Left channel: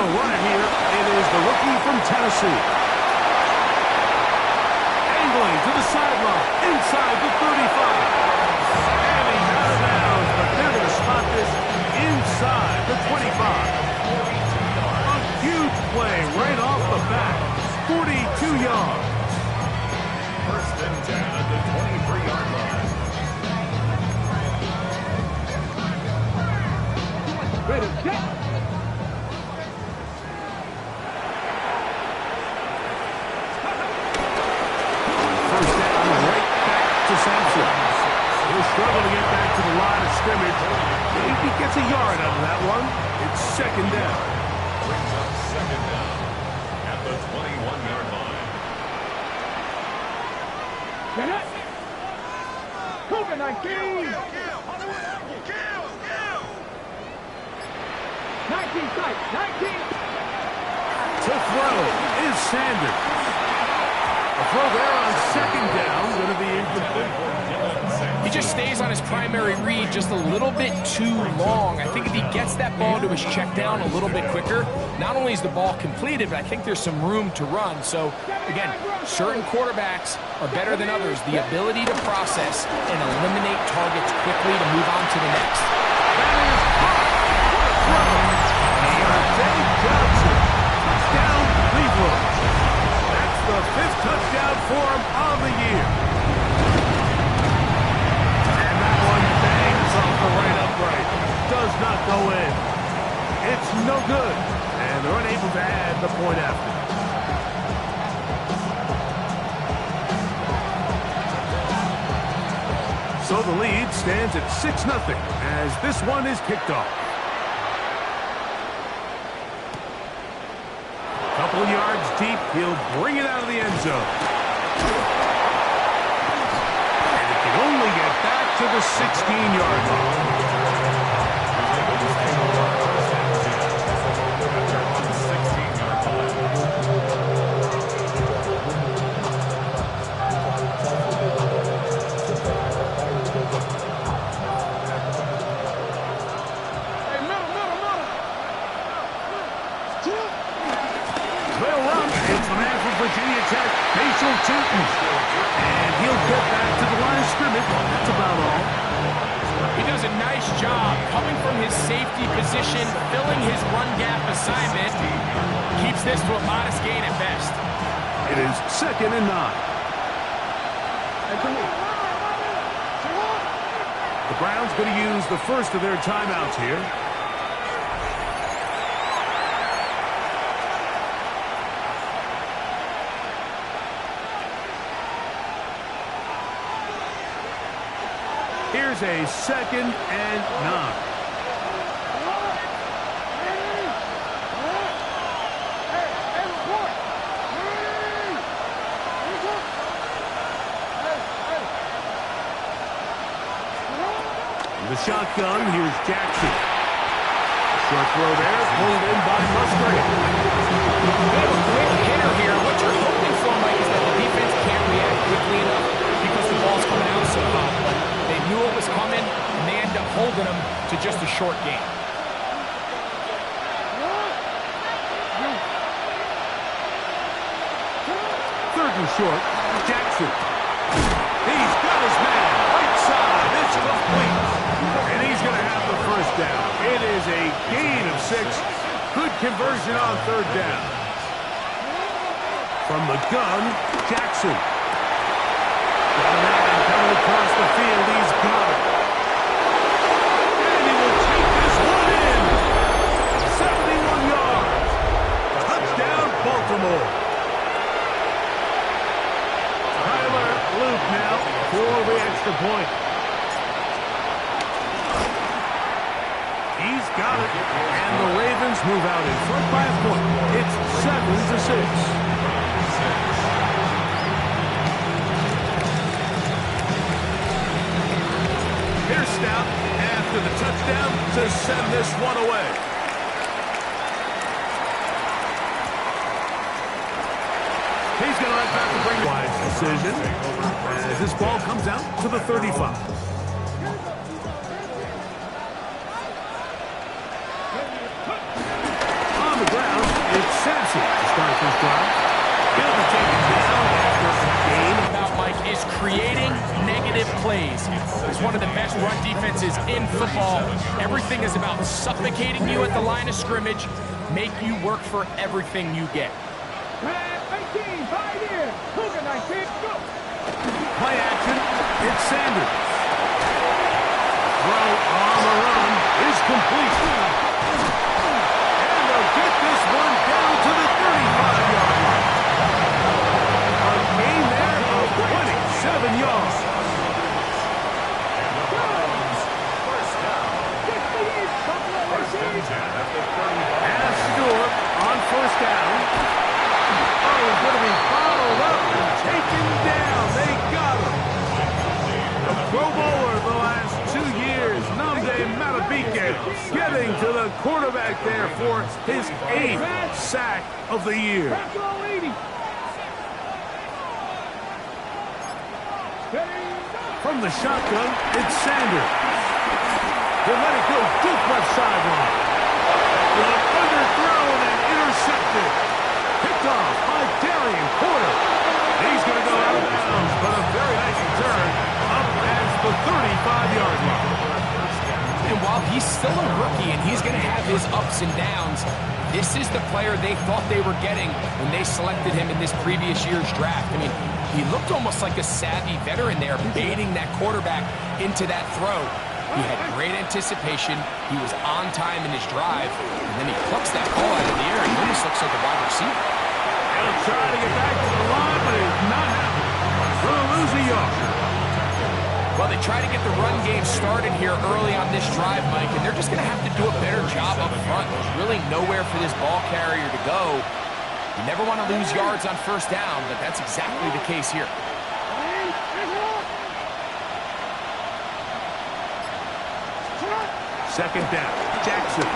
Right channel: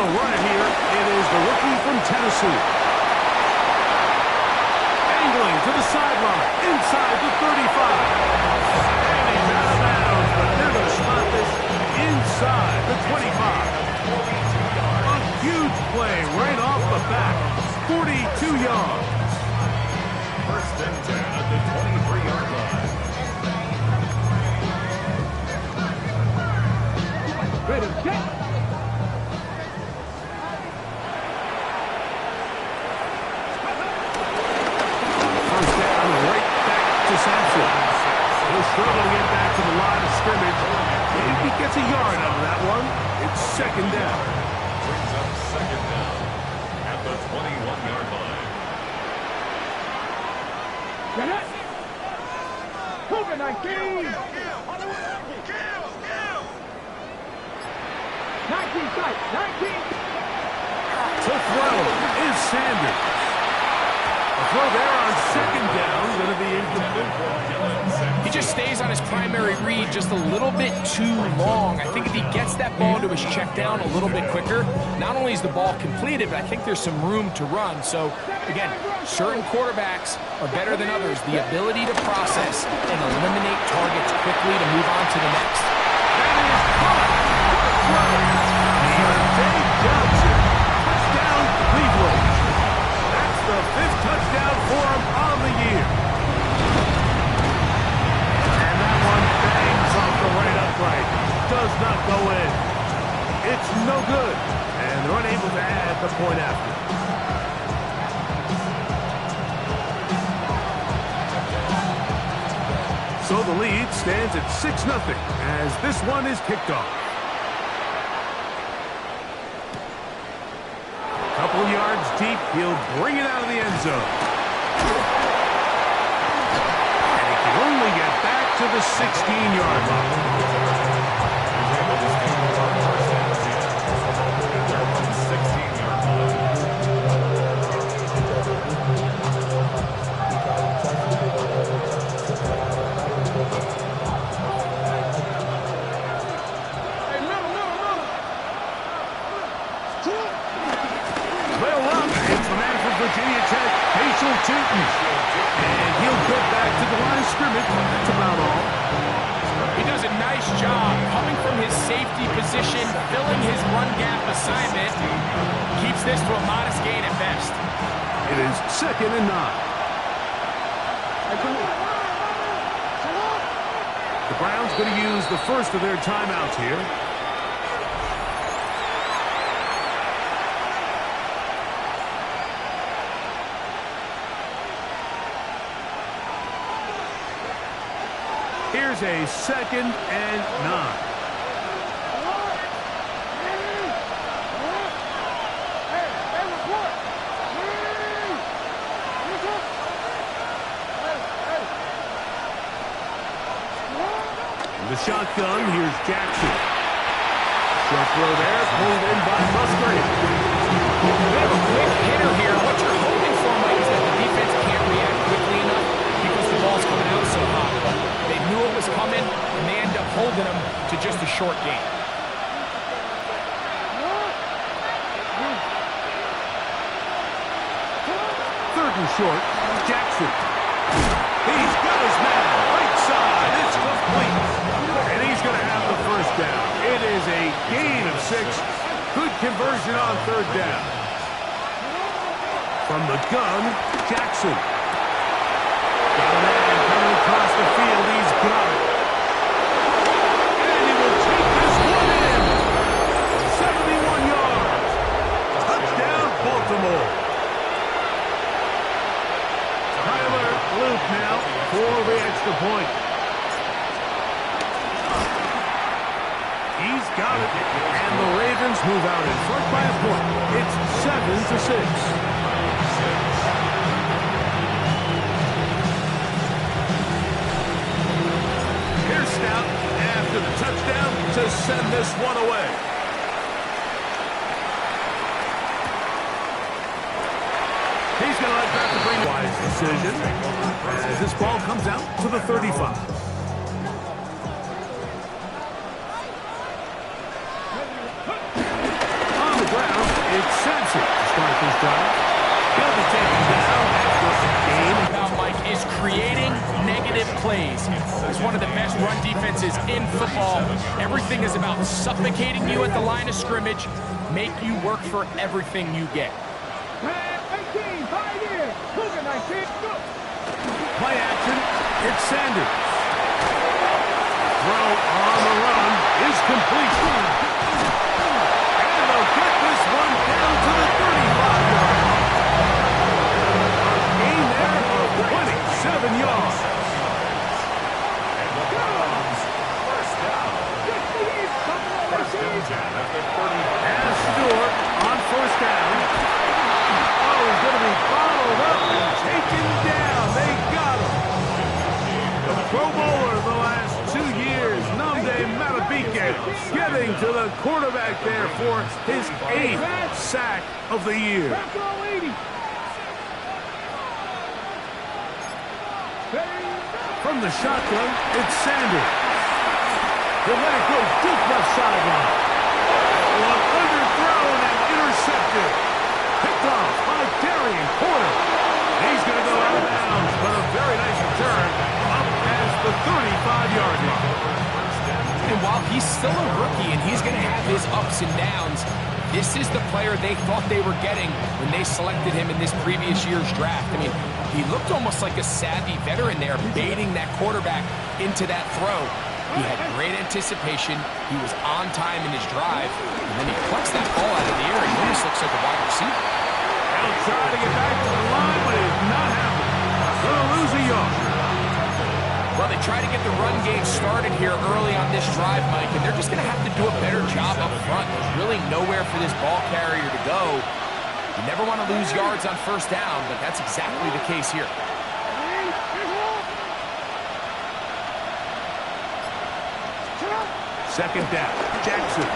a runner here. It is the rookie from Tennessee. Angling to the sideline, inside the 35. And he's out of bounds, but they're going to spot this inside the 25. A huge play right off the bat. 42 yards. First and 10 at the 23-yard line. Ready, get! First down, right back to Sampson. He'll struggle to get back to the line of scrimmage. Maybe he gets a yard out of that one. It's second down. Brings up second down at the 21-yard line. Get it! Cougar 19! 19 sight, 19! To throw is Sanders. The throw there on second down, going to be incomplete. He just stays on his primary read just a little bit too long. I think if he gets that ball to his check down a little bit quicker, not only is the ball completed, but I think there's some room to run. So, again, certain quarterbacks are better than others. The ability to process and eliminate targets quickly to move on to the next. That is caught. What a throw. Dave Johnson. Touchdown, Cleveland. That's the 5th touchdown for him on the year. And that one bangs off the right upright. Does not go in. It's no good. And they're unable to add the point after. So the lead stands at 6-0 as this one is kicked off. Couple yards deep, he'll bring it out of the end zone. And he can only get back to the 16-yard line. Virginia Tech, Facial Tootin. And he'll get back to the line of scrimmage. That's about all. He does a nice job coming from his safety position, filling his run gap assignment. Keeps this to a modest gain at best. It is 2nd and 9. The Browns going to use the first of their timeouts here. Here's a 2nd and 9. The shotgun, here's Jackson. Short throw there, pulled in by Musgrave. Bit of a quick hitter here. What you're hoping for, Mike, is that the defense can't react quickly enough because the ball's coming out so hot. But they knew it was coming, and they end up holding them to just a short game. Third and short, Jackson. He's got his man, right side, it's complete. And he's going to have the first down. It is a gain of 6. Good conversion on third down. From the gun, Jackson. Got a man coming across the field. He's got it. And he will take this one in. 71 yards. Touchdown, Baltimore. Tyler Luke now for the extra point. He's got it. And the Ravens move out in front by a point. It's 7-6. Here's Stout after the touchdown to send this one away. He's going to let back to bring wise decision as this ball comes out to the 35. On the ground, It's Sampson to start this drive. He'll be taken down after a gain. About Mike is creating negative plays. He's one of the best run defenses in football. Everything is about suffocating you at the line of scrimmage, make you work for everything you get. 18, 5 here. Cougar 19, go. Play action. It's Sanders. Throw on the run is complete. And they'll get this one down to the 35-yard line. A gain there of 27 yards. And the Browns, first down. First and 10 at the 35. And Stewart on first down. Oh, he's going to be bottled up and taken down. They got him. The Pro Bowler the last 2 years, Nnamdi Madubuike, getting to the quarterback there for his 8th sack of the year. Back 80. From the shotgun, it's Sanders. He'll let it go deep left sideline. One underthrown and intercepted. Picked off by Darian Porter. He's going to go out of bounds, but a very nice return up past the 35-yard line. And while he's still a rookie and he's going to have his ups and downs, this is the player they thought they were getting when they selected him in this previous year's draft. I mean, he looked almost like a savvy veteran there, baiting that quarterback into that throw. He had great anticipation. He was on time in his drive, and then he plucks that ball out of the air. He almost looks like a wide receiver. He'll try to get back to the line, but it's not happening. Going to lose a yard. Well, they try to get the run game started here early on this drive, Mike, and they're just going to have to do a better job up front. There's really nowhere for this ball carrier to go. You never want to lose yards on first down, but that's exactly the case here. Second down, Jackson.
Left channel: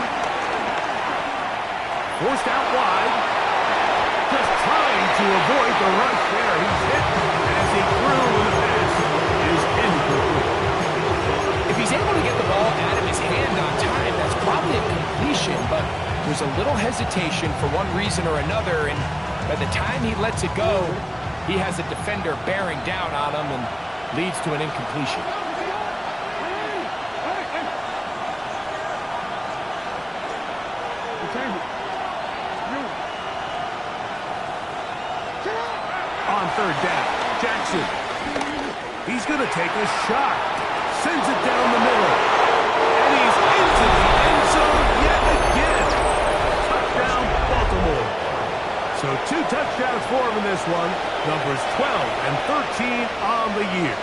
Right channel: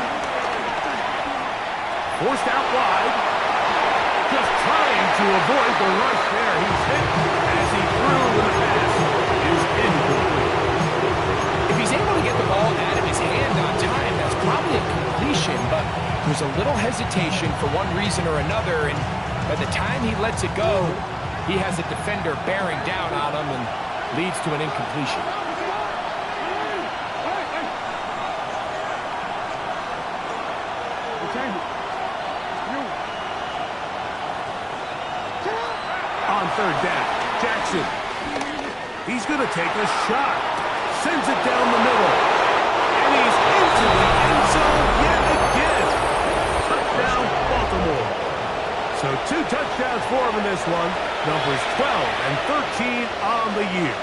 Forced out wide. Just trying to avoid the rush there. He's hit as he threw when the pass is incomplete. If he's able to get the ball out of his hand on time, that's probably a completion, but there's a little hesitation for one reason or another, and by the time he lets it go, he has a defender bearing down on him and leads to an incompletion. On third down, Jackson. He's going to take a shot. Sends it down the middle. And he's into the end zone yet again. Touchdown, Baltimore. So 2 touchdowns for him in this one. Numbers 12 and 13 on the year.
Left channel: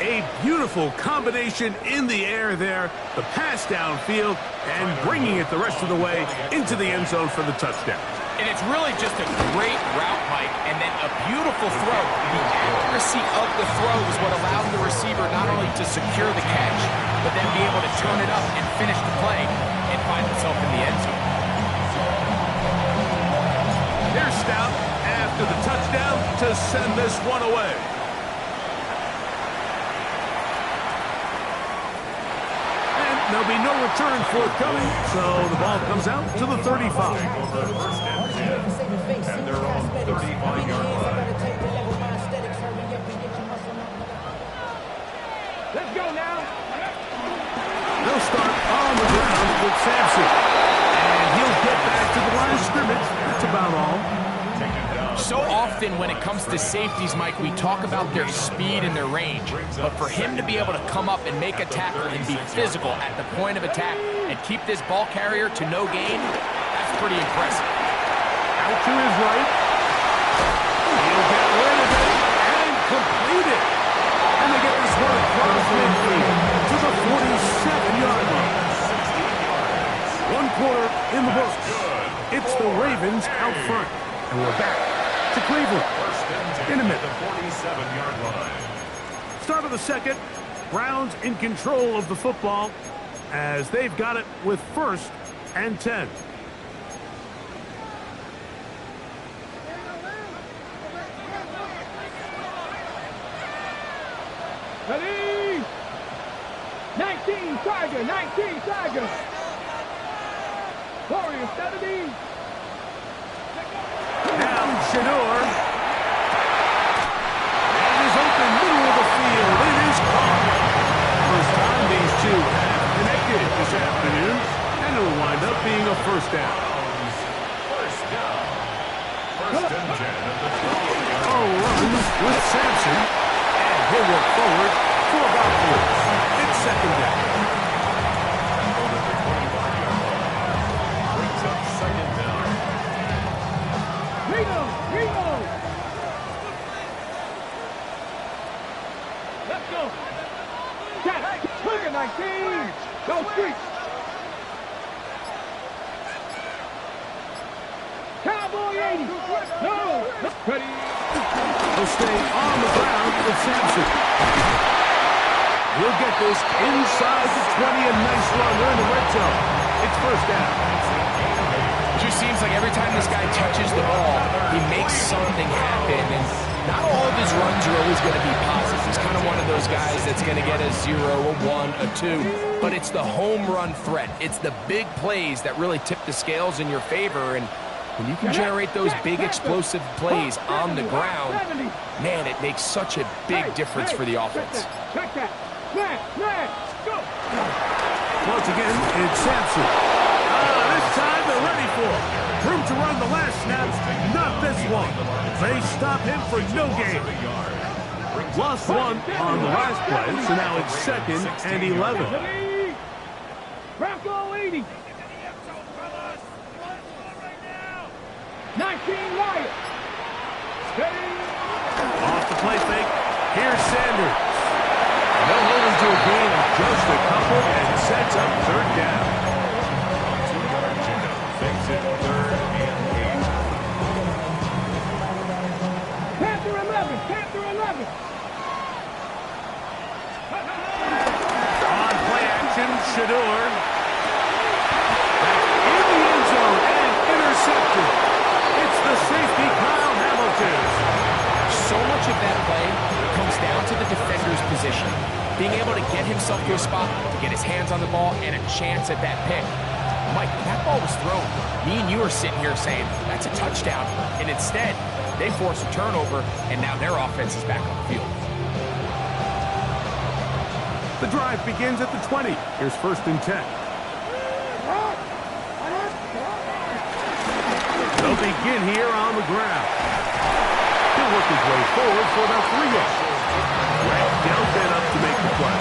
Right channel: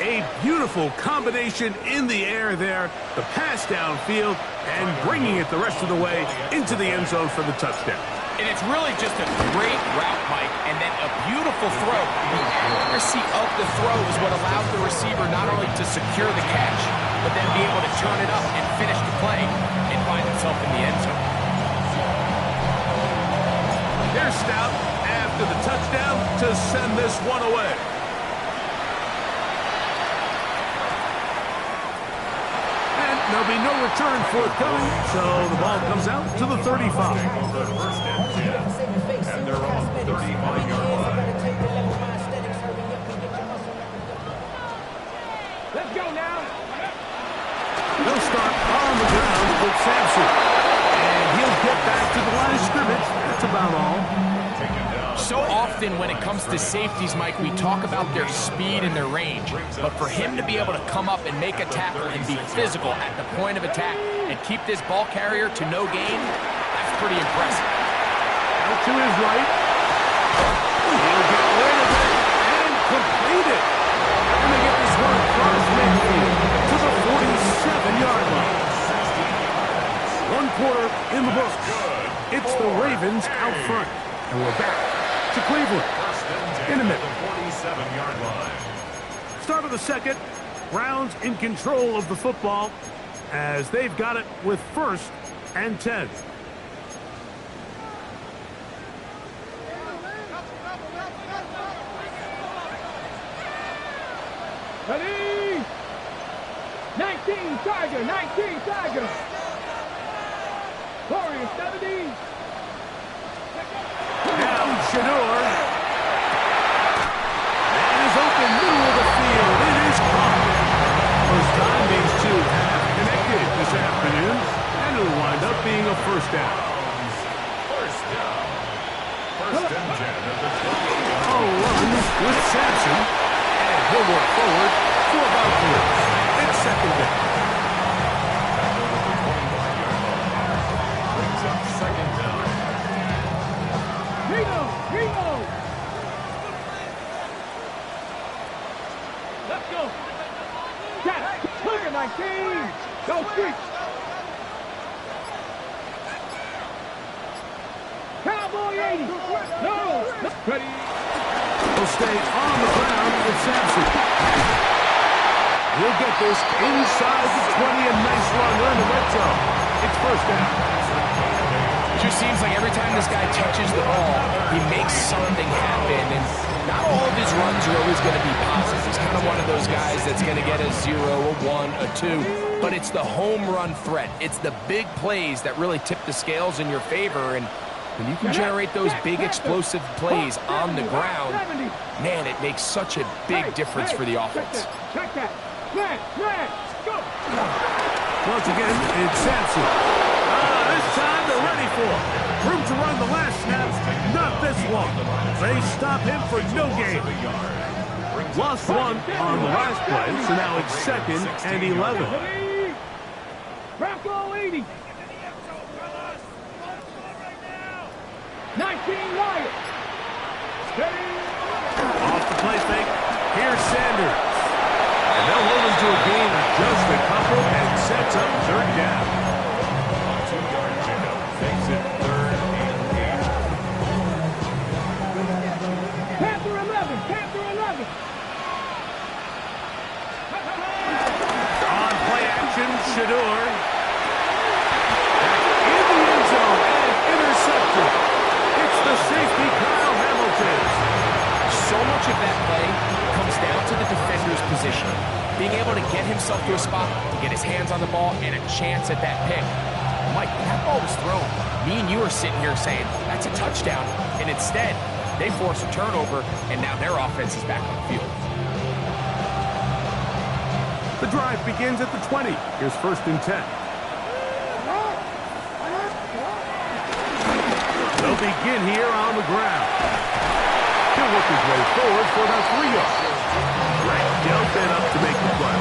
A beautiful combination in the air there. The pass downfield and bringing it the rest of the way into the end zone for the touchdown. And it's really just a great route, Mike, and then a beautiful throw. The accuracy of the throw is what allowed the receiver not only to secure the catch, but then be able to turn it up and finish the play and find himself in the end zone. Here's Stout after the touchdown to send this one away. There'll be no return forthcoming, so the ball comes out to the 35. Over first and 10 at their own 35-yard line. Let's go now. They'll start on the ground with Sampson. And he'll get back to the line of scrimmage. That's about all. So often when it comes to safeties, Mike, we talk about their speed and their range. But for him to be able to come up and make a tackle and be physical at the point of attack and keep this ball carrier to no gain, that's pretty impressive. Out to his right. He'll get rid of it and complete it. And they get this one across midfield to the 47-yard line. 1 quarter in the books. It's the Ravens out front. And we're back to Cleveland in a minute. The 47-yard line. Start of the second. Browns in control of the football as they've got it with 1st and 10. Ready? 19 Tiger, 19 Tiger. Go. 70. Now Shador. And is open middle of the field. It is caught. First time these two have connected this afternoon. And it'll wind up being a first down. First down. First and 10 at the 20. A run with Sampson. And he'll work forward for about 3. It's second down. Tackled at the 25-yard line. Brings up second down. Reno. Let's go. That's Cougar 19. Go Streets. Cowboy 80. No. Ready. He'll stay on the ground with Sampson. He'll get this inside the 20. A nice run. They're in the red zone. It's first down. It just seems like every time this guy touches the ball, he makes something happen. And not all of his runs are always going to be positive. He's kind of one of those guys that's going to get a 0, a 1, a 2. But it's the home run threat. It's the big plays that really tip the scales in your favor. And when you can generate those big explosive plays on the ground, man, it makes such a big difference for the offense. Check that. Man, go. Once again, it's Sampson. This time they're ready for him. Room to run the last snap, not this one. They stop him for no gain. Lost one on the last play, so now it's second and 11. Bronco 80. 19 Wyatt. Steady. Off the play fake, here's Sanders. And they'll hold him to a gain of just a couple and sets up third down. A 2-yard pickup makes it third and 8. Panther 11. On play action, Shador. That's in the end zone and intercepted. It's the safety, Kyle Hamilton. So much of that play comes down to the defender's position. Being able to get himself to a spot, to get his hands on the ball, and a chance at that pick. Mike, when that ball was thrown, me and you are sitting here saying, that's a touchdown. And instead, they force a turnover, and now their offense is back on the field. The drive begins at the 20. Here's first and 10. They'll begin here on the ground. He'll work his way forward for about 3 yards. Grant dealt that up to make the play.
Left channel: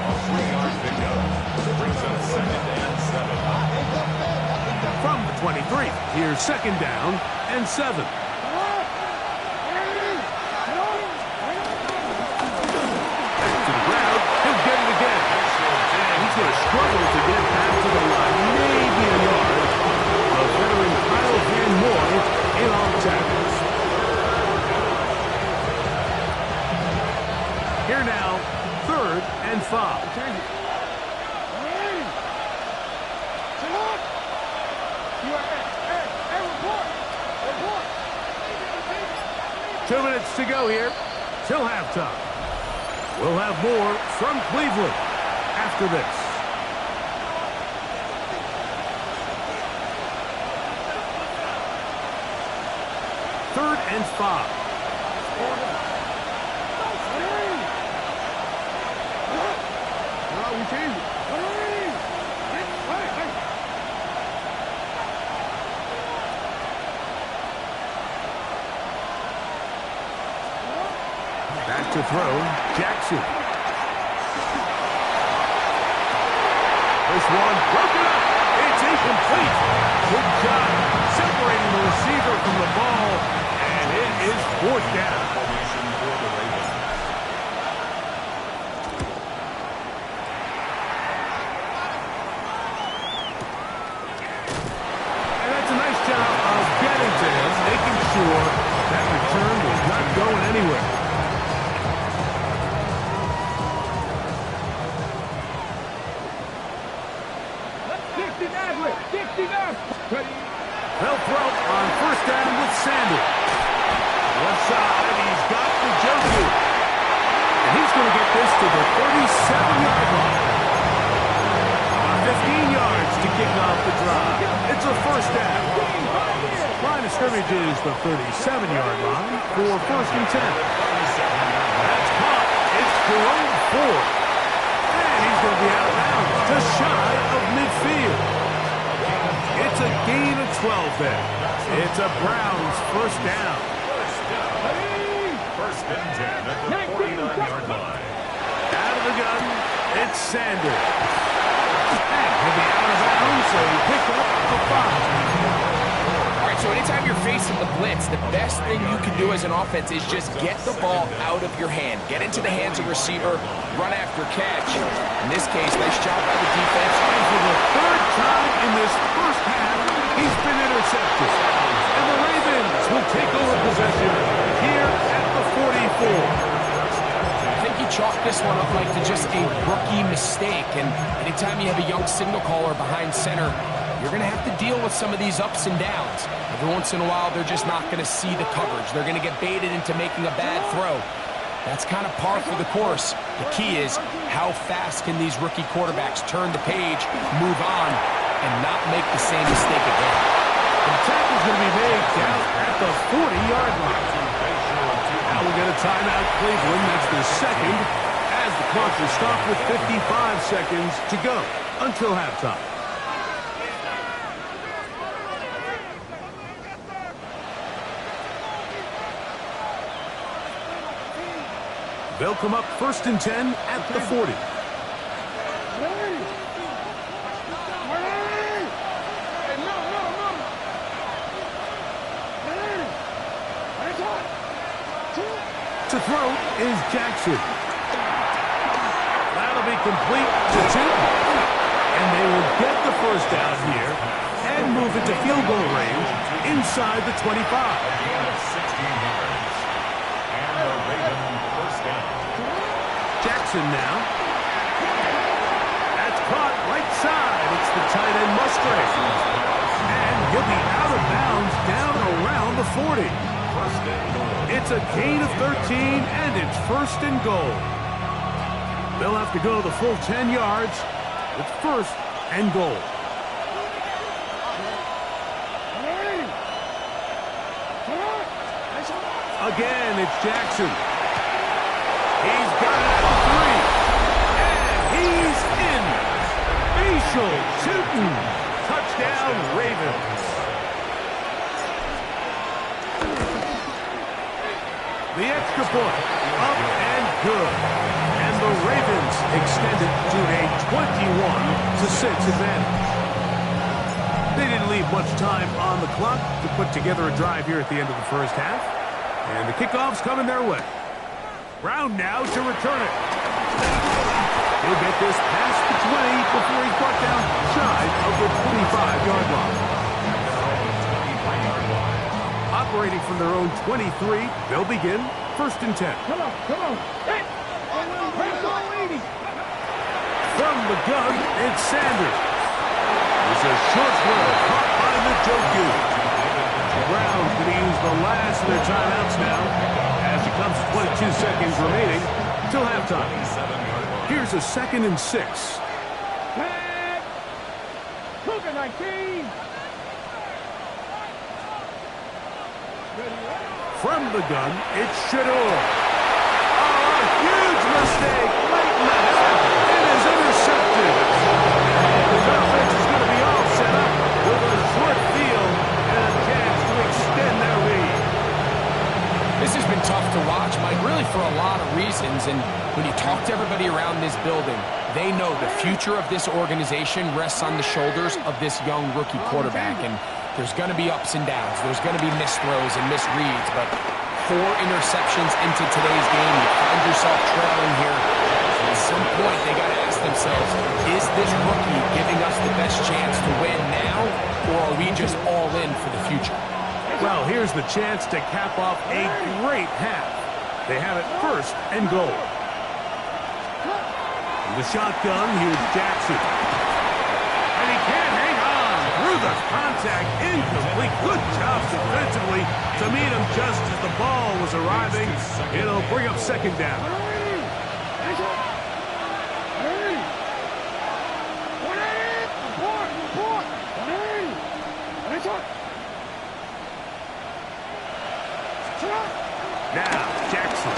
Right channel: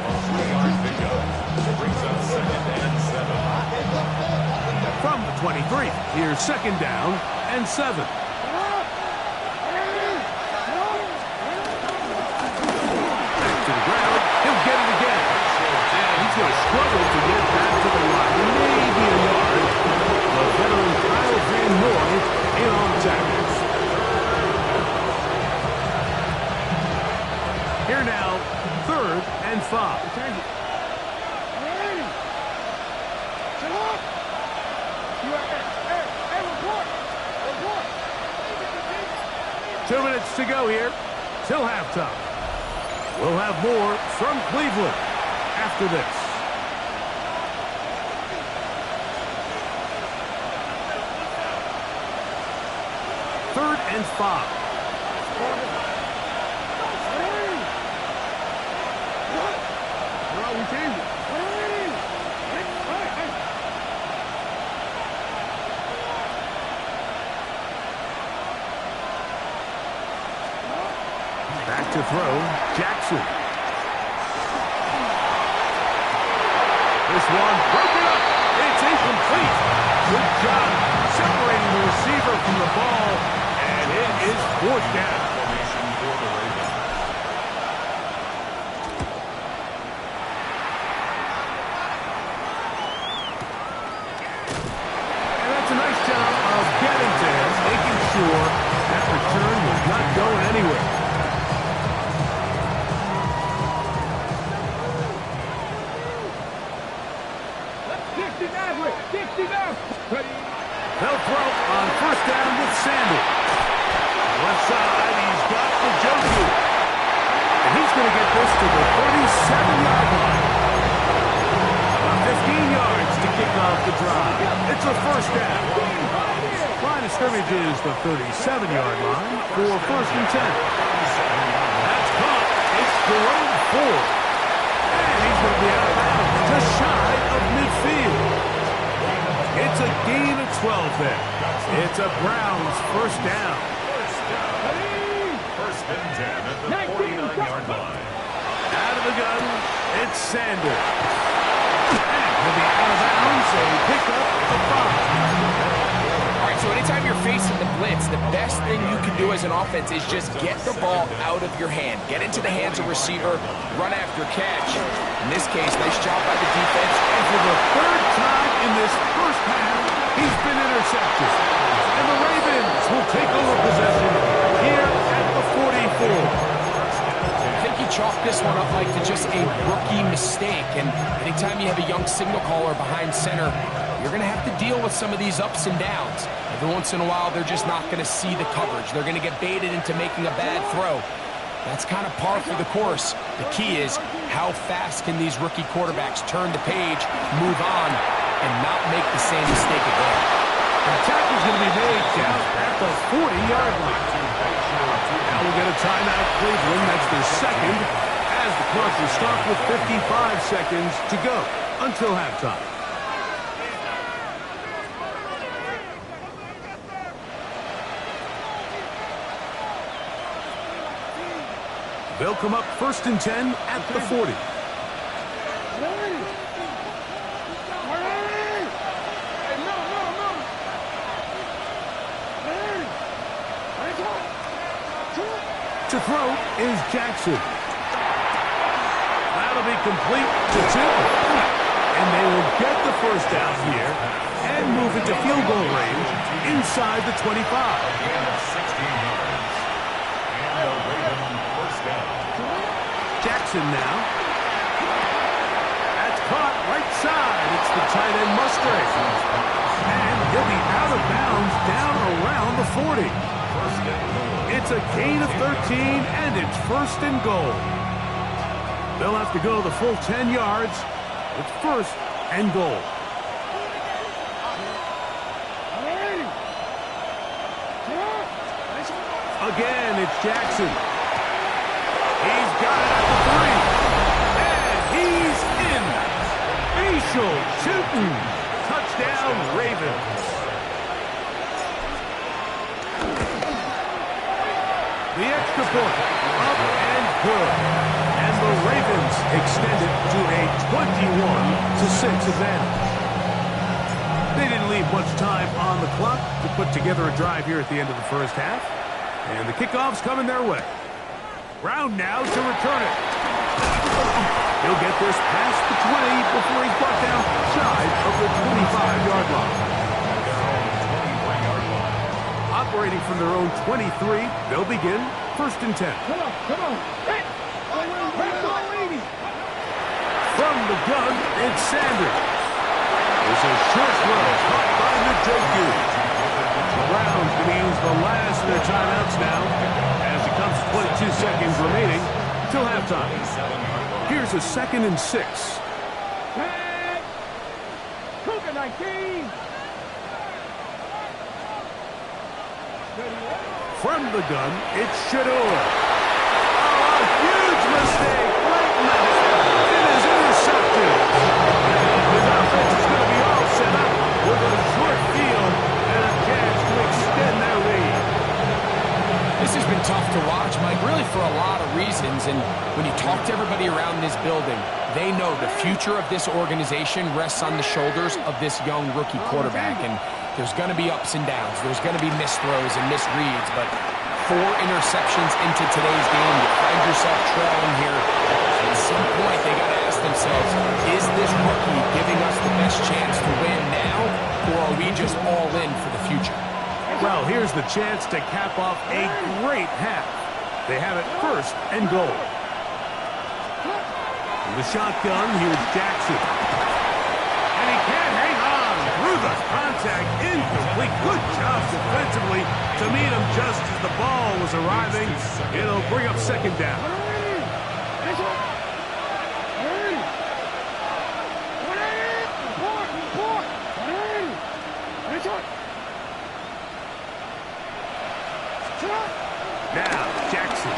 A 3-yard pickup brings up second and 7. From the 23, here's second down and 7. Back to the ground. He'll get it again. And he's going to struggle to get back to the line. Maybe a yard. The veteran Kyle Van Noy in on tackles. Here now, third and 5. Change it. Report. 2 minutes to go here till halftime. We'll have more from Cleveland after this. Third and 5. We change it. Back to throw, Jackson. This one broken up. It's incomplete. Good job separating the receiver from the ball, and it is fourth down. Formation for the Ravens. And that's a nice job of getting to him, making sure that return was not going anywhere. They'll throw on first down with Sanders. Left side, he's got the Njoku. And he's going to get this to the 37-yard line. About 15 yards to kick off the drive. It's a first down. Line of scrimmage is the 37-yard line for first and 10. That's caught. It's Jerome Ford. And he's going to be out of bounds, just shy of midfield. It's a gain of 12 there. It's a Browns first down. First and 10 at the 49-yard line. Out of the gun, it's Sanders. And he'll be out of bounds, a pickup of 5. All right, so anytime you're facing the blitz, the best thing you can do as an offense is just get the ball out of your hand. Get into the hands of receiver, run after catch. In this case, nice job by the defense. And for the third time in this first half, he's been intercepted. And the Ravens will take over possession here at the 44. I think you chalked this one up, Mike, to just a rookie mistake. And anytime you have a young signal caller behind center, you're going to have to deal with some of these ups and downs. Every once in a while, they're just not going to see the coverage. They're going to get baited into making a bad throw. That's kind of par for the course. The key is how fast can these rookie quarterbacks turn the page, move on, and not make the same mistake again. The tackle's going to be made down at the 40-yard line. Now we'll get a timeout, Cleveland. That's the second, as the clock will stop with 55 seconds to go until halftime. They'll come up first and 10 at the 40. To throw is Jackson. That'll be complete to Tipton. And they will get the first down here and move into field goal range inside the 25. 16 yards. And the Ravens first down. Jackson now. That's caught right side. It's the tight end Musgrave. And he'll be out of bounds down around the 40. First and goal. It's a gain of 13, and it's first and goal. They'll have to go the full 10 yards. It's first and goal. Again, it's Jackson. He's got it at the 3. And he's in. Facial shooting. Touchdown, Ravens. The extra point, up and good. And the Ravens extend it to a 21-6 advantage. They didn't leave much time on the clock to put together a drive here at the end of the first half. And the kickoff's coming their way. Brown now to return it. He'll get this past the 20 before he's brought down shy of the 25-yard line. At their own 23-yard line. Operating from their own 23, they'll begin first and 10. Come on. Hit. From the gun, it's Sanders. There's a short throw caught by Njoku. The Browns going to use the last of their timeouts now as it comes to 22 seconds remaining till halftime. Here's a 2nd and 6. Tag. Cougar 19. From the gun, it's Shedeur. Oh, a huge mistake late in the half. It is intercepted. And his offense is going to be all set up with a short field and a chance to extend their lead. This has been tough to watch, Mike, really for a lot of reasons. And when you talk to everybody around this building, they know the future of this organization rests on the shoulders of this young rookie quarterback. And there's going to be ups and downs. There's going to be missed throws and misreads. But 4 interceptions into today's game, you find yourself trailing here. At some point, they got to ask themselves, is this rookie giving us the best chance to win now, or are we just all in for the future? Well, here's the chance to cap off a great half. They have it first and goal. In the shotgun, here's Jackson. And he can't hang on through the contact. Incomplete. Good job defensively to meet him just as the ball was arriving. It'll bring up second down. Now, Jackson.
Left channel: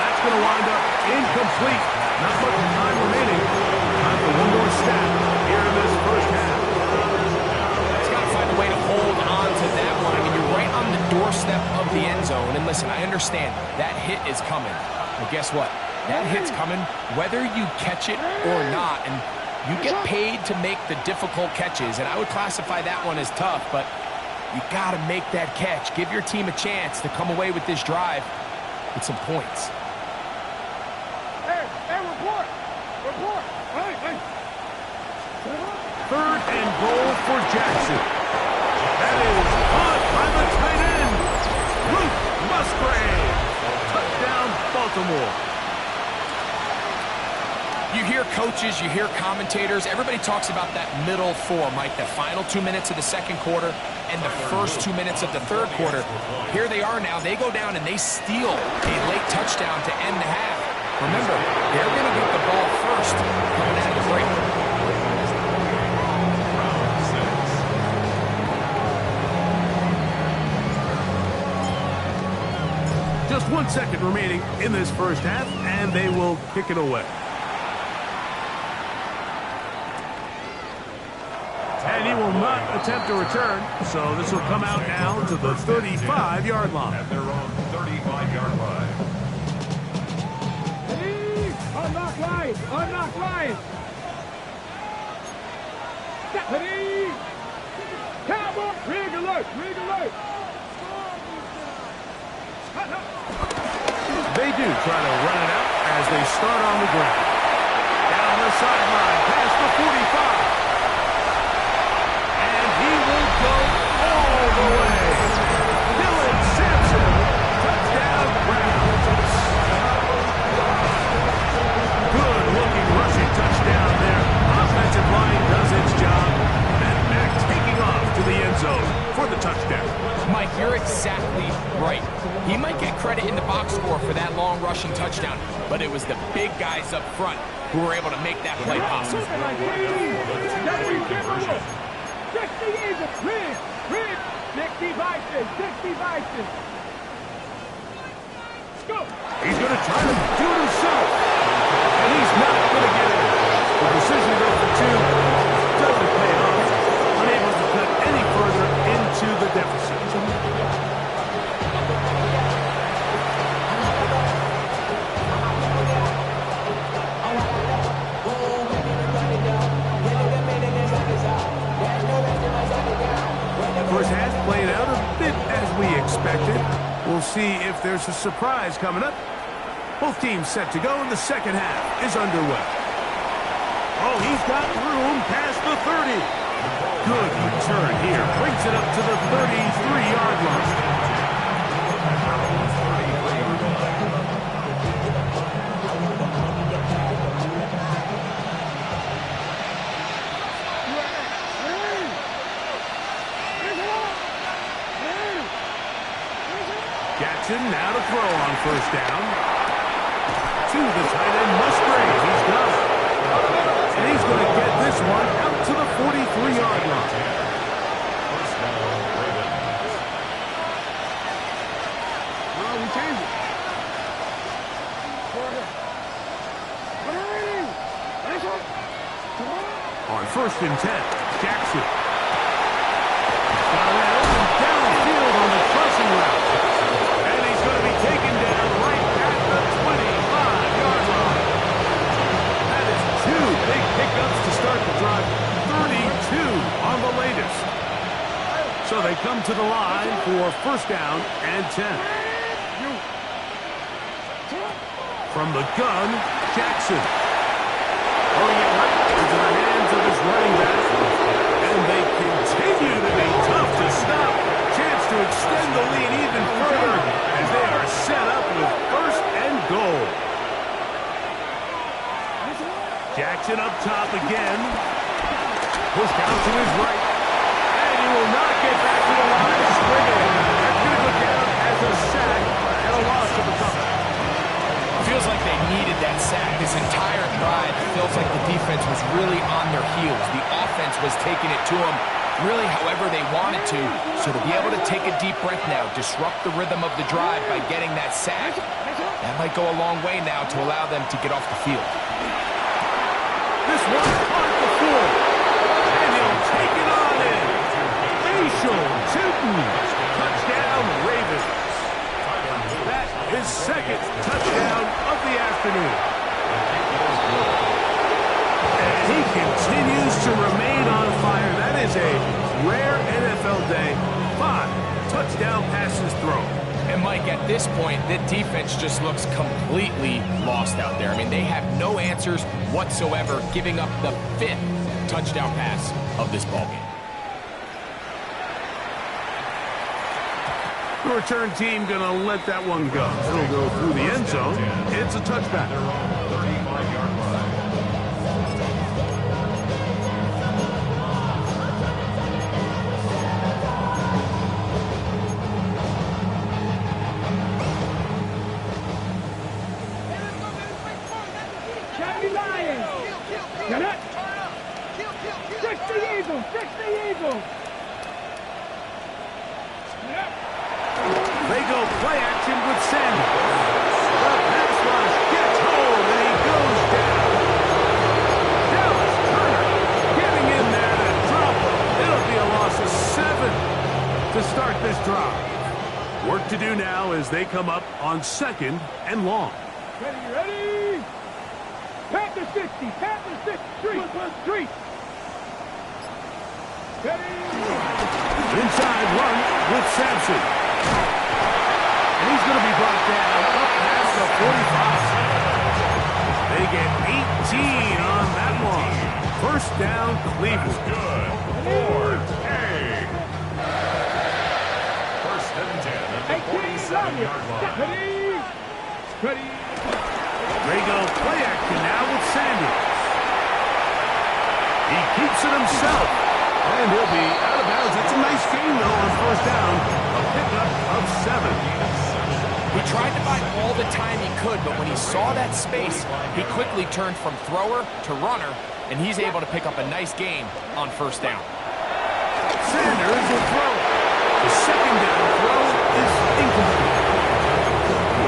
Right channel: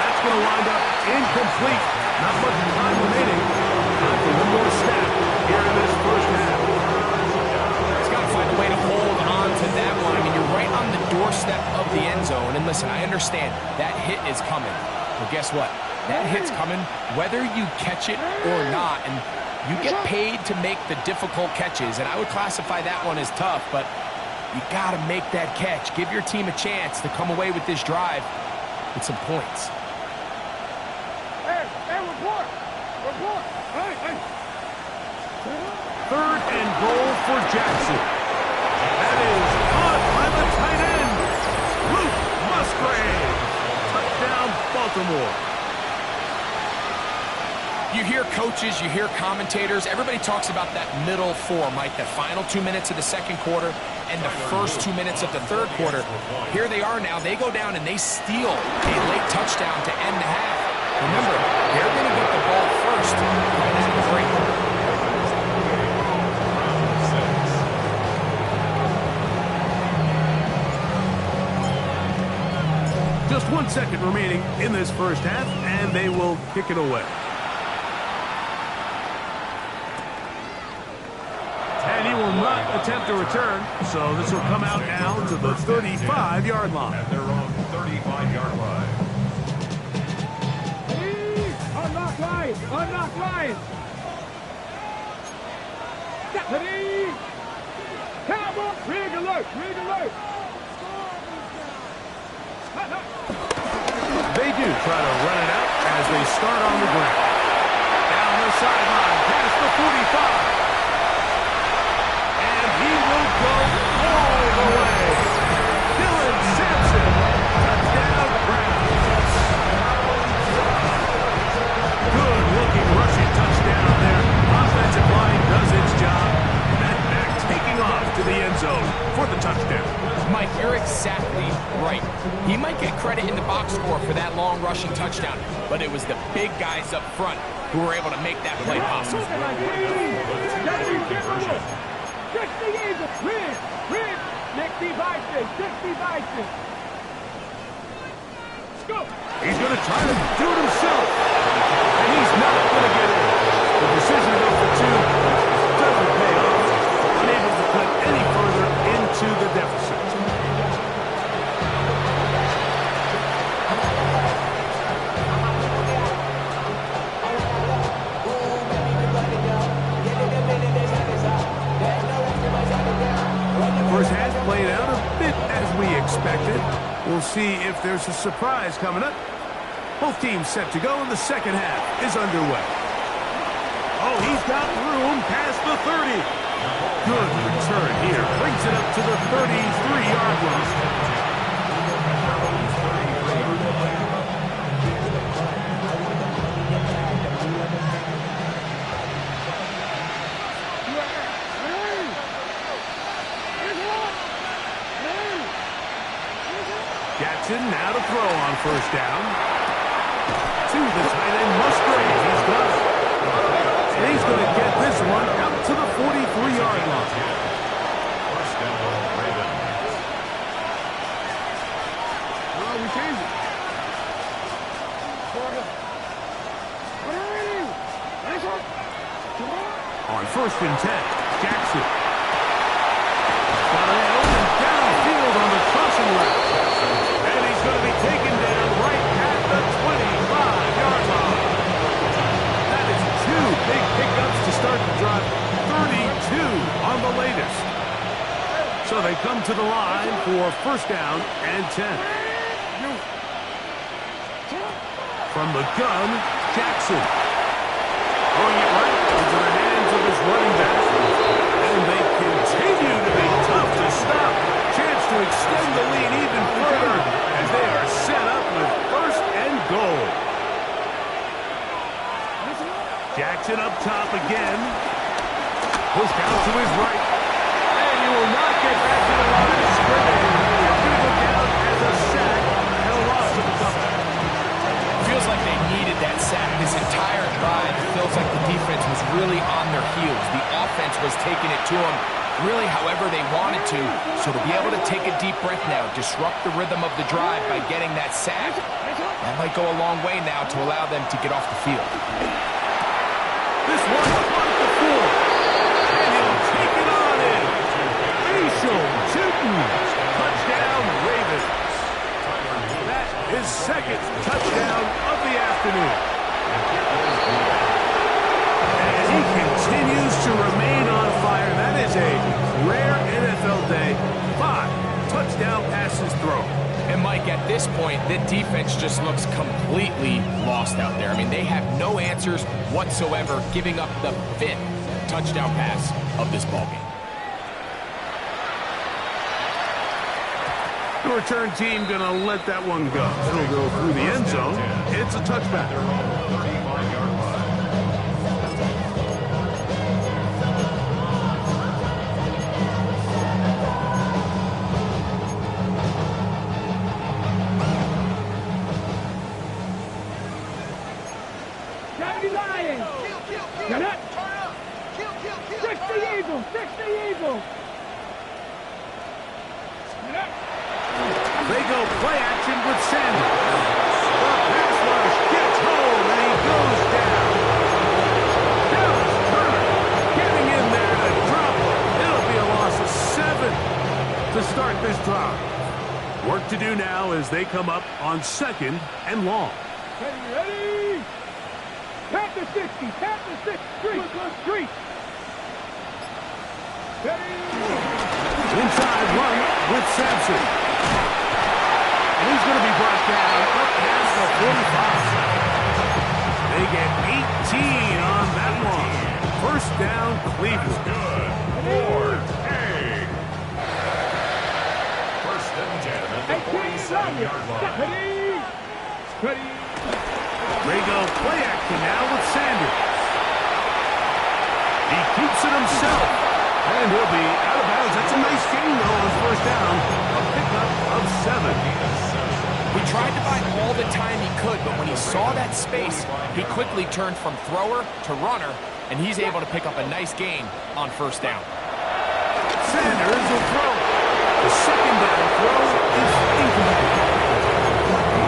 That's going to wind up incomplete. Not much time remaining. Time for one more snap here in this first half. He's got to find a way to hold on to that one. I mean, you're right on the doorstep of the end zone. And listen, I understand that hit is coming. But guess what? That hit's coming whether you catch it or not. And you get paid to make the difficult catches. And I would classify that one as tough, but you got to make that catch. Give your team a chance to come away with this drive with some points. Hey, report. Report. Hey. Third and goal for Jackson. That is caught by the tight end, Luke Musgrave. Touchdown, Baltimore. You hear coaches, you hear commentators, everybody talks about that middle four, Mike, the final 2 minutes of the second quarter and the first 2 minutes of the third quarter. Here they are now. They go down and they steal a late touchdown to end the half. Remember, they're going to get the ball first coming out of the break. Just 1 second remaining in this first half, and they will kick it away. And he will not attempt to return, so this will come out now to the 35-yard line. At their own 35-yard line. Unlock line. Unlock line. Ready. Cowboy. Rig alert. Rig alert. They do try to run it out as they start on the ground. Down the sideline, past the 45. And he will go all the way. Dylan Sampson, touchdown Browns. Good-looking rushing touchdown there. Offensive line does its job. That back taking off to the end zone for the touchdown. Mike, you're exactly right. He might get credit in the box score for that long rushing touchdown, but it was the big guys up front who were able to make that play possible. 60 Eagles. Rig. 60 Vikings. 60 Vikings. Go. He's going to try to do it himself. And he's not going to get in. The decision to go for two doesn't pay off. Unable to cut any further into the deficit. First half playing out a bit as we expected. We'll see if there's a surprise coming up. Both teams set to go, and the second half is underway. Oh, he's got room past the 30. Good return here. Brings it up to the 33-yard line. Jackson now to throw on first down. To the tight end, Musgrave. He's got it. And he's going to get this one out to the 43-yard line. First down, Ravens. Oh, we changed it. On first and 10, Jackson. Got it open downfield on the crossing route. And he's going to be taken down right at the 25-yard line. That is two big pickups to start the drive. 32 on the latest. So they come to the line for first down and 10. From the gun, Jackson. Throwing it right into the hands of his running back. And they continue to be tough to stop. Chance to extend the lead even further as they are set up with first and goal. Jackson up top again. Pushed out to his right. And he will not get back to the line of scrimmage. That's going to go down as a sack and a loss of a couple. Feels like they needed that sack this entire drive. It feels like the defense was really on their heels. The offense was taking it to them. really however they wanted to. So to be able to take a deep breath now, disrupt the rhythm of the drive by getting that sack, that might go a long way now to allow them to get off the field. This one caught at the 4. And he'll take it on in. Facial Tootin. Touchdown, Ravens. That is second touchdown of the afternoon. And he continues to remain on fire. That is a rare NFL day. 5 touchdown passes thrown. And Mike, at this point, the defense just looks completely lost out there. I mean, they have no answers whatsoever, giving up the 5th touchdown pass of this ballgame. The return team going to let that one go. It'll go through the end zone. It's a touchback. Their own 35-yard line. Lions. Get it. 60 Eagles. 60 Eagles. They go play action with Sanders. The pass rush gets home, and he goes down. Dallas Turner getting in there to drop him. It'll be a loss of 7 to start this drive. Work to do now as they come up on 2nd and long. Ready. Panther 60. Panther 6. Street. Ready. Inside run with Sampson. And he's going to be brought down up past the 45. They get 18 on that one. First down, Cleveland. Good. Ford. Hey. First and 10 at the 47-yard line. Ready. They go play action now with Sanders. He keeps it himself. And he'll be out of bounds. That's a nice gain, though, on first down. A pickup of 7. He tried to buy all the time he could, but when he saw that space, he quickly turned from thrower to runner, and he's able to pick up a nice gain on first down. Sanders will throw. The second down throw is incomplete.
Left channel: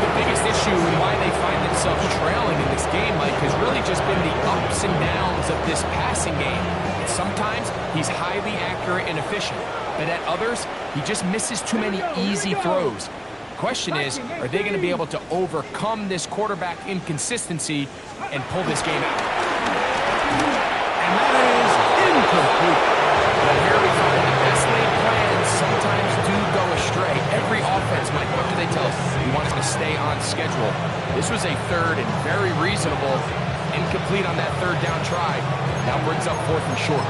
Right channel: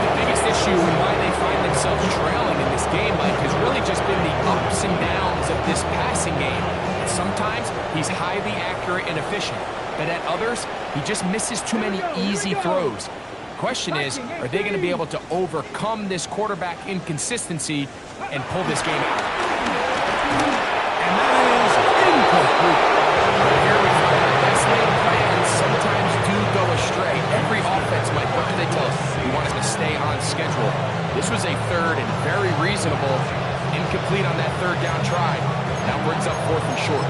The biggest issue and why they find themselves trailing in this game, Mike, has really just been the ups and downs of this passing game. And sometimes he's highly accurate and efficient, but at others, he just misses too many easy throws. Question is, are they going to be able to overcome this quarterback inconsistency and pull this game out? And that is incomplete. But here we find the best laid plans sometimes do go astray. Every offense, Mike, what do they tell us? We want us to stay on schedule. This was a third and very reasonable, incomplete on that third down try. Now brings up 4th and short.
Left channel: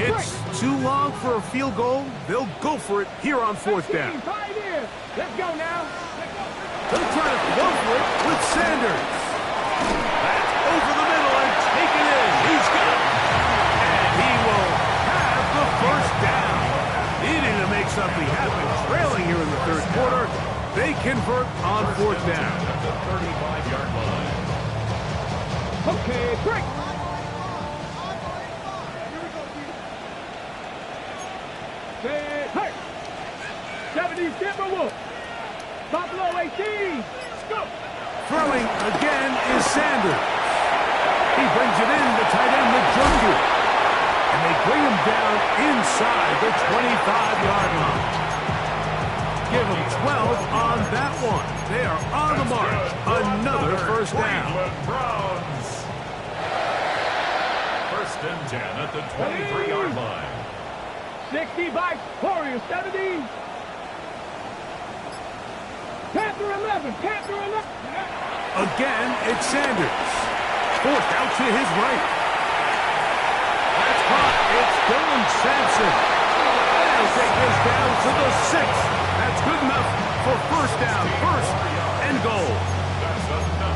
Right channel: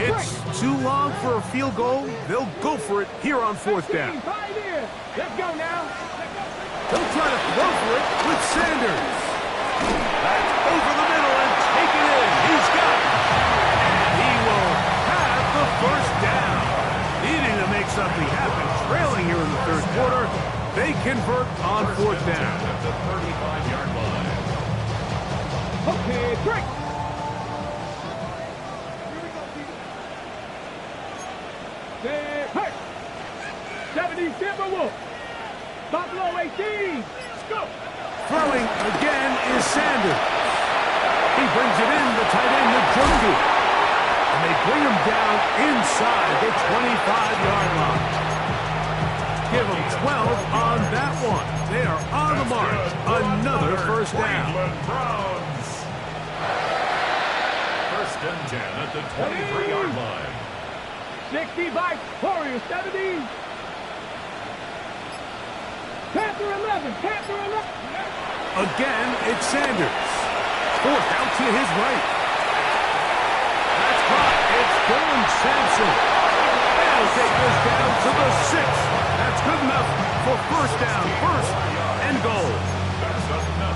It's too long for a field goal. They'll go for it here on 4th down. Let's go now. They'll try to throw for it with Sanders. That's over the middle and taken in. He's got it. And he will have the first down. Needing to make something happen. Trailing here in the 3rd quarter. They convert on 4th down. At the 35-yard line. Okay, break. Hey! 70 Timberwolves. Buffalo 18. Let's go. Throwing again is Sanders. He brings it in, the tight end, Njoku. And they bring him down inside the 25-yard line. Give him 12 on that one. They are on the march. Another first down. Cleveland Browns. First and 10 at the 23-yard line. 60 by Warriors 70. Panther 11. Panther 11. Again, it's Sanders. Forced out to his right. That's caught. It's Dylan Sampson. They'll take this down to the 6th. That's good enough for first down. First and goal.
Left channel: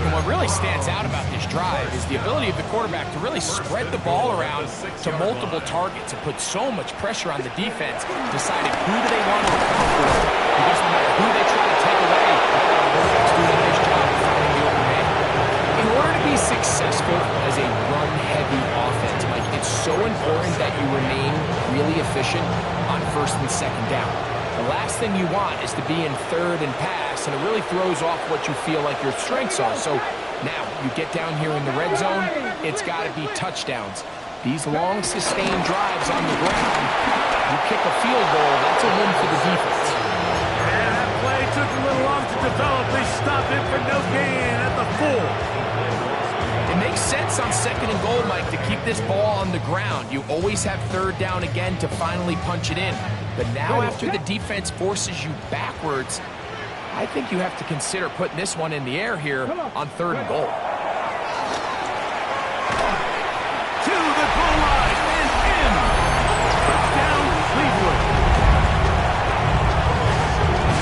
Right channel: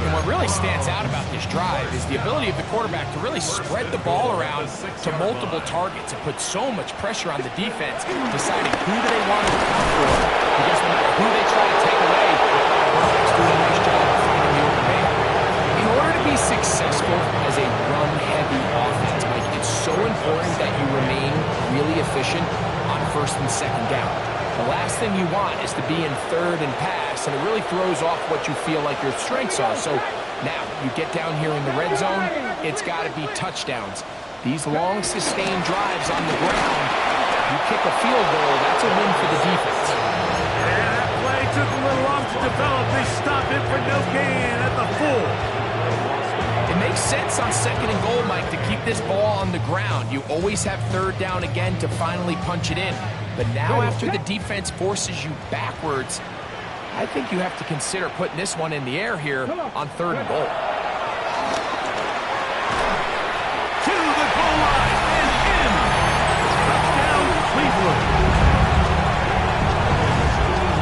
And what really stands out about this drive is the ability of the quarterback to really spread the ball around to multiple targets and put so much pressure on the defense, deciding who do they want to account for. Because no matter who they try to take away, the quarterback's doing a nice job of finding the open man. In order to be be successful as a run-heavy offense, Mike, it's so important that you remain really efficient on first and second down. The last thing you want is to be in third and pass, and it really throws off what you feel like your strengths are. So now you get down here in the red zone, it's got to be touchdowns. These long, sustained drives on the ground, you kick a field goal, that's a win for the defense. And that play took a little long to develop. They stop it for no gain at the 4. It makes sense on second and goal, Mike, to keep this ball on the ground. You always have third down again to finally punch it in. But now after the defense forces you backwards, I think you have to consider putting this one in the air here on third and goal. To the goal line and in. Touchdown, Cleveland.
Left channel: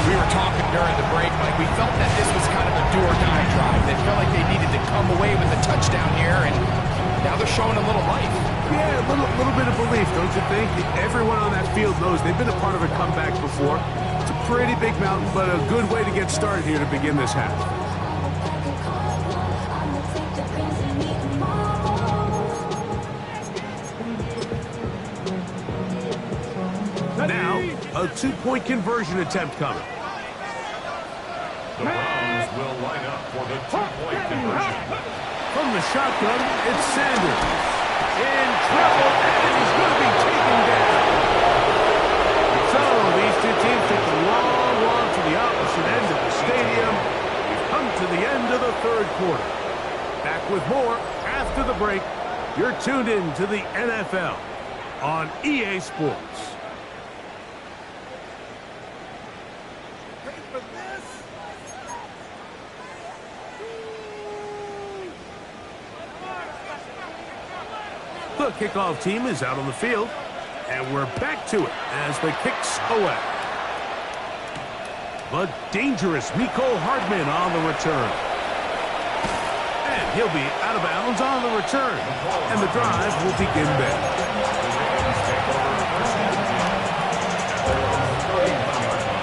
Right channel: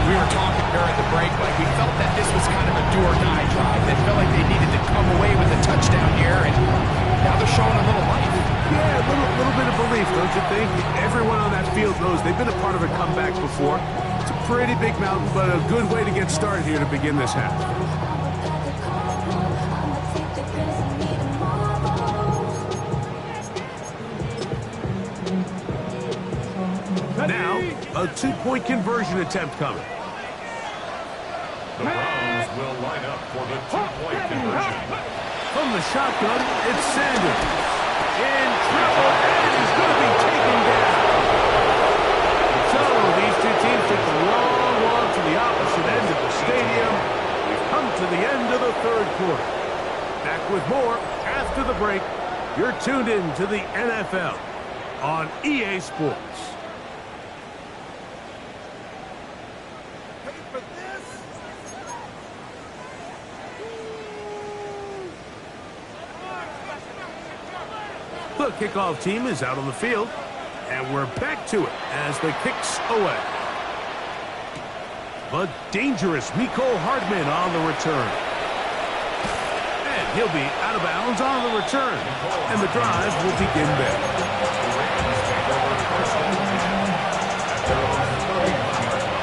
We were talking during the break, Mike. We felt that this was kind of a do-or-die drive. They felt like they needed to come away with a touchdown here, and now they're showing a little life. Yeah, a little bit of belief, don't you think? Everyone on that field knows they've been a part of a comeback before. It's a pretty big mountain, but a good way to get started here to begin this half. Now, a two-point conversion attempt coming. The Browns will line up for the two-point conversion. From the shotgun, it's Sanders. In trouble, and he's going to be taken down. So, these two teams take the long walk to the opposite end of the stadium. We've come to the end of the third quarter. Back with more after the break. You're tuned in to the NFL on EA Sports. The kickoff team is out on the field, and we're back to it as the kick's away. The dangerous Mecole Hardman on the return. And he'll be out of bounds on the return, and the drive will begin there. The Ravens take over first and 10 at their own 31-yard line.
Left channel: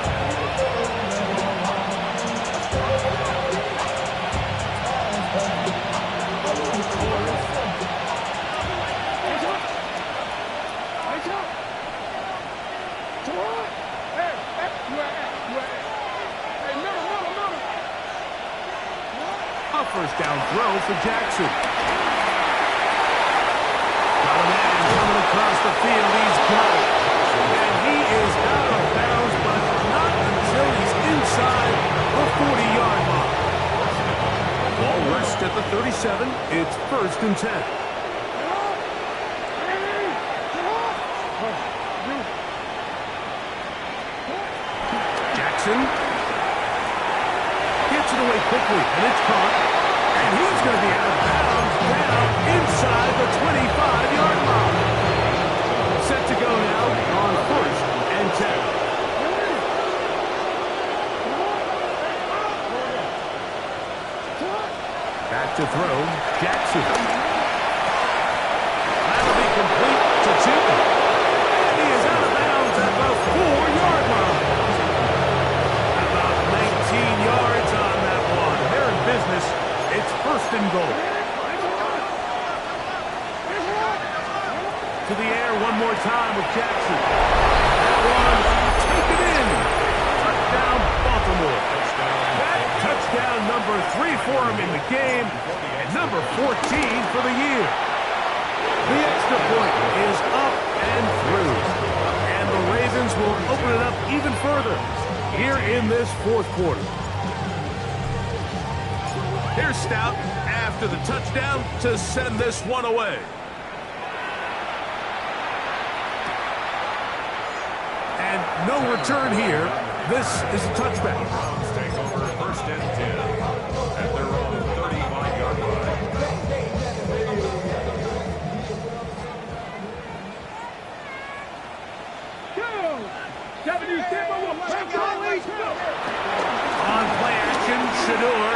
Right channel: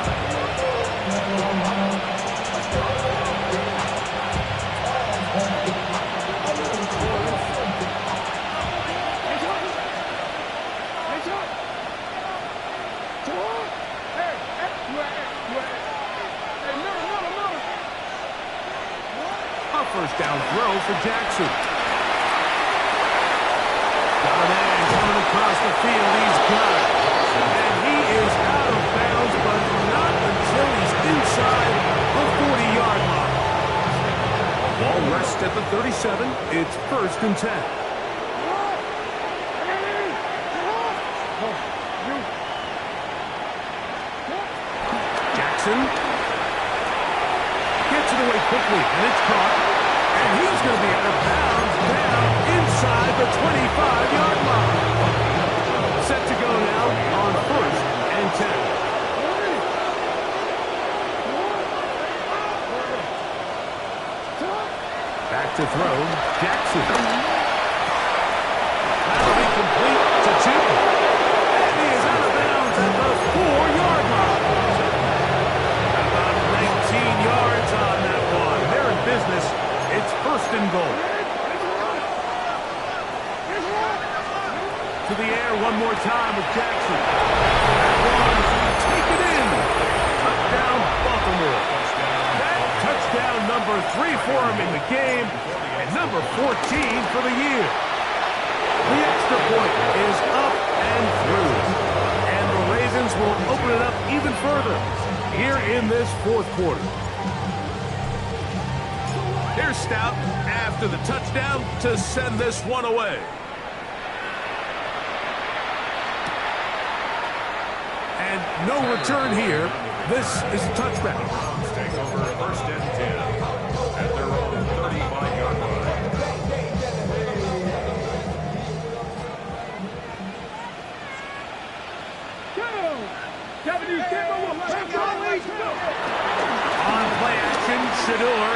A first down throw for Jackson. Got a man coming across the field. He's got it. And he is out of bounds, but not until he's inside the 40-yard line. Ball rests at the 37. It's first and 10. Jackson gets it away quickly, and it's caught. And he's going to be out of bounds down inside the 25-yard line. Set to go now on first and 10. Back to throw, Jackson. That'll be complete to two. And he is out of bounds at the 4-yard line. About 19 yards on that one. They're in business. It's first and goal. To the air one more time with Jackson. That one, take it in. Touchdown, Baltimore. That touchdown number 3 for him in the game, and number 14 for the year. The extra point is up and through, and the Ravens will open it up even further here in this fourth quarter. Here's Stout after the touchdown to send this one away. And no return here. This is a touchback. The Browns take over first and 10 at their own 35-yard line. On play action, Shador.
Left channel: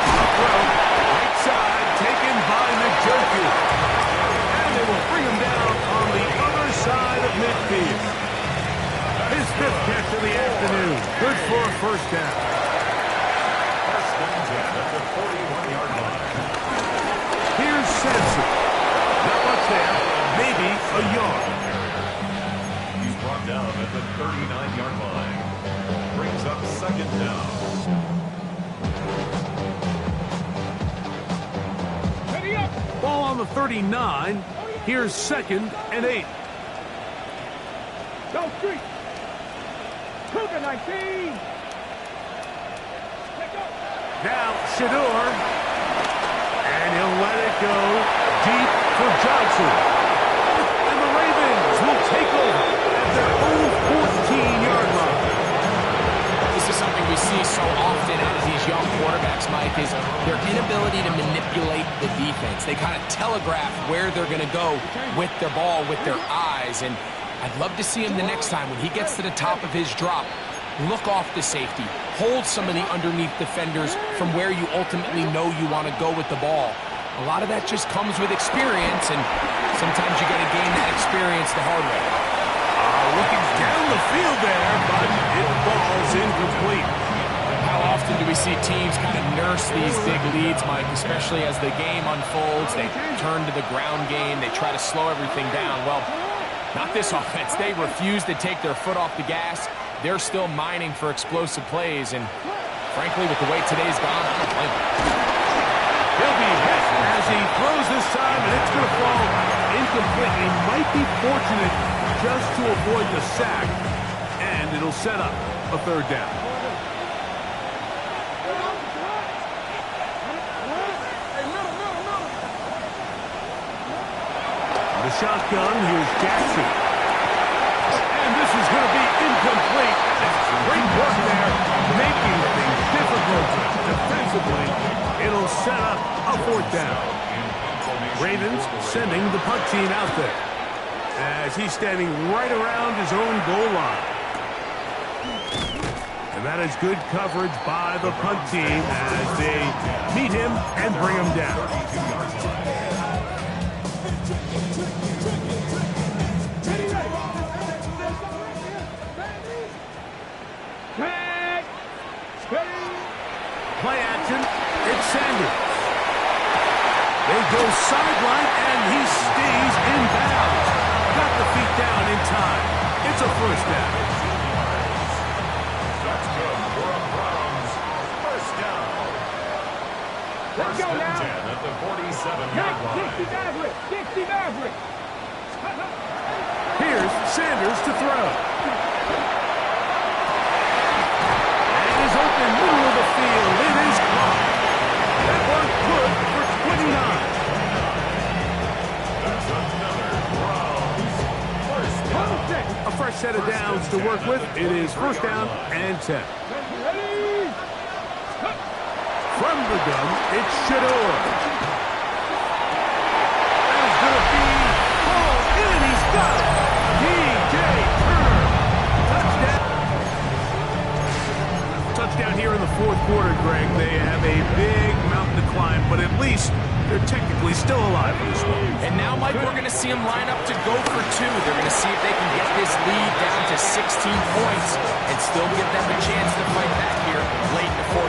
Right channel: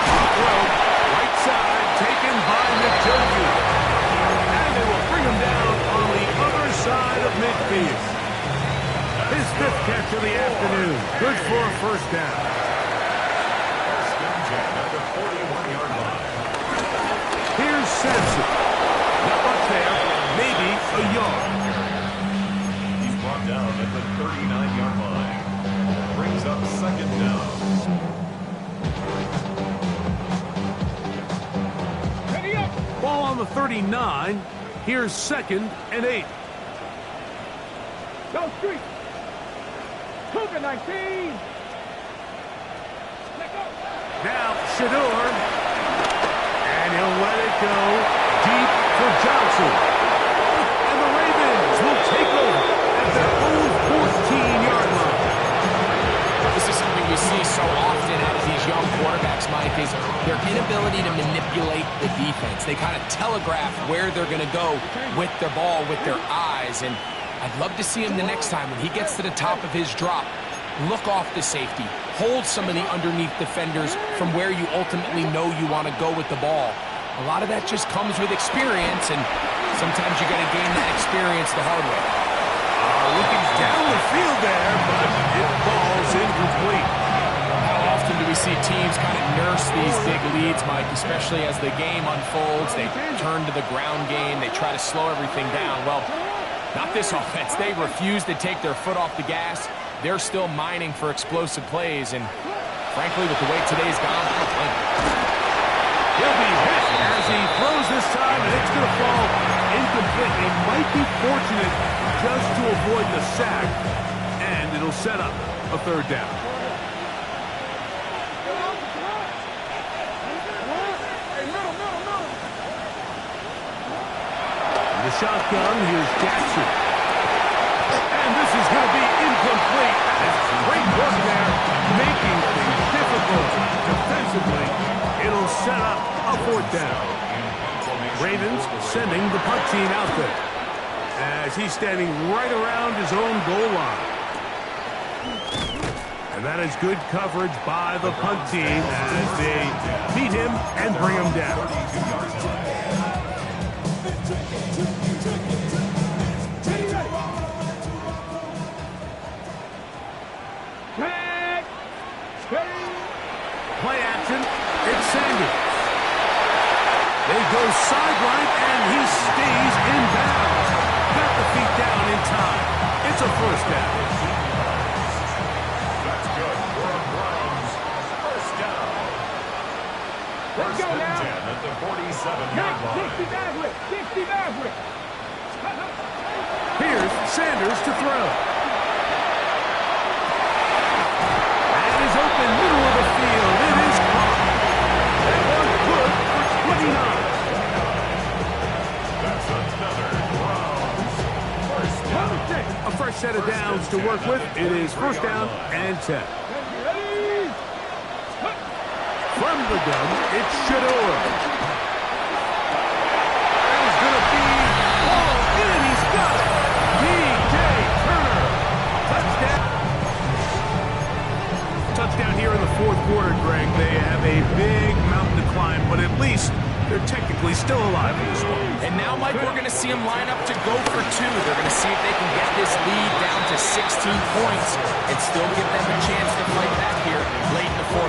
Off rope, right side, taken by Njoku. And they will bring him down on the other side of midfield. His 5th catch of the afternoon. Good for a first down. First and 10 at the 41-yard line. Sampson. Not much there. Maybe a yard. He's brought down at the 39-yard line. Brings up second down. Ready up. Ball on the 39. Here's 2nd and 8. Go street. Cougar 19. Let go. Now Shador. And he'll let it go deep for Johnson. And the Ravens will take over at their own 14-yard line. This is something we see so often out of these young quarterbacks, Mike, is their inability to manipulate the defense. They kind of telegraph where they're going to go with their ball, with their eyes. And I'd love to see him the next time when he gets to the top of his drop. Look off the safety. Hold some of the underneath defenders from where you ultimately know you want to go with the ball. A lot of that just comes with experience, and sometimes you got to gain that experience the hard way. Looking down the field there, but it falls incomplete. How often do we see teams kind of nurse these big leads, Mike, especially as the game unfolds? They turn to the ground game. They try to slow everything down. Well, not this offense. They refuse to take their foot off the gas. They're still mining for explosive plays, and frankly, with the way today's gone, I don't blame them. He'll be hit as he throws this time, and it's going to fall incomplete. He might be fortunate just to avoid the sack, and it'll set up a 3rd down. The shotgun, here's Jackson. And this is going to be incomplete. That is great work there, making things difficult defensively. It'll set up a 4th down. Ravens sending the punt team out there as he's standing right around his own goal line. And that is good coverage by the punt team as they meet him and bring him down. Play action, it's Sanders. They go sideline, and he stays in bounds. Got the feet down in time. It's a 1st down. That's good for a Browns 1st down. Let's go now. 10 at the 47-yard line. 60 Maverick. 60 Maverick. Here's Sanders to throw. And is open middle of the field. It is caught. That one good for 29. That's another Browns 1st down. A fresh set of downs to work with. It is 1st down and 10. Ready. From the gun, it's Shador. That is going to be hauled in. He's got it. D.J. Turner. Touchdown. Touchdown here in the 4th quarter, Greg. They have a big mountain to climb, but at least they're technically still alive in this one. And now, Mike, we're going to see them line up to go for 2. They're going to see if they can get this lead down to 16 points and still give them a chance to fight back here late in the 4th.